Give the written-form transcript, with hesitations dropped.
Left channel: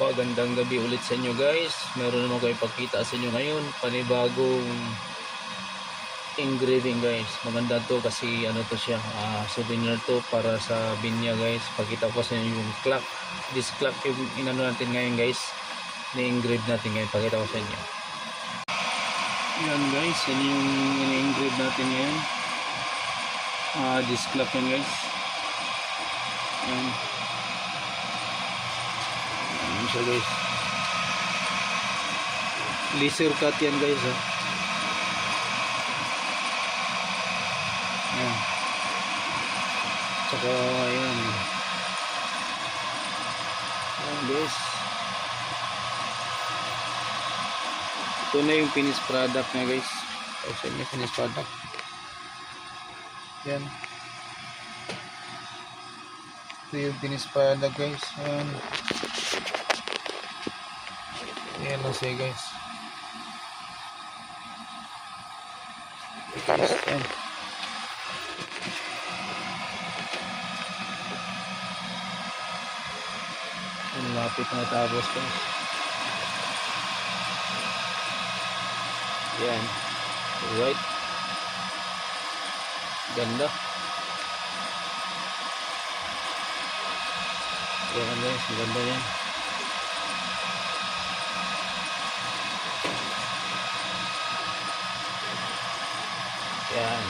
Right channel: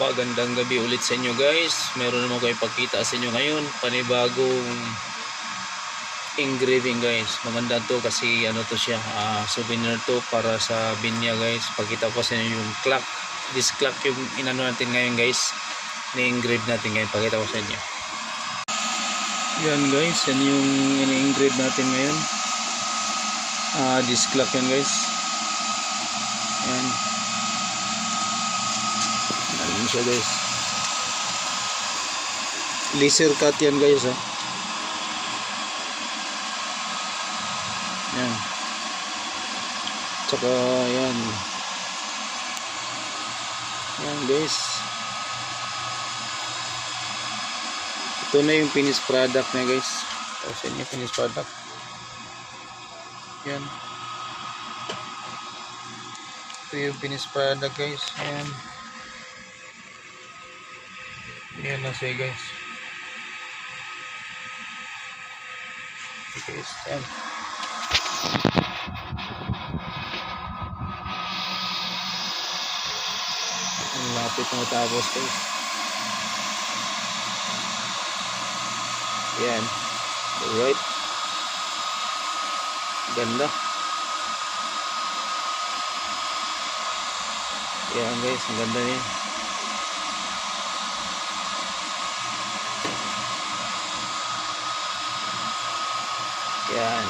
Pagandang gabi ulit sa inyo guys. Meron naman ko ipakita sa inyo ngayon panibagong engraving guys. Maganda to kasi ano to siya, souvenir to para sa binya guys. Pakita ko sa inyo yung clock. This clock yung inano natin ngayon guys, ni-engrave natin ngayon. Pakita ko sa inyo. Yan guys, yan yung ini-engrave natin ngayon. This clock yan guys. Yan. Ayan siya guys. Laser cut yan guys ha. Ayan. Tsaka ayan. Ayan guys. Ito na yung finished product na guys. Ito yung finished product. Ayan. Ito yung finished product guys. Ayan. Ayan na siya guys. Ayan. Ang lapit na tapos guys. Ayan. Alright. Ganda. Ayan guys. Ang ganda niya. Yan.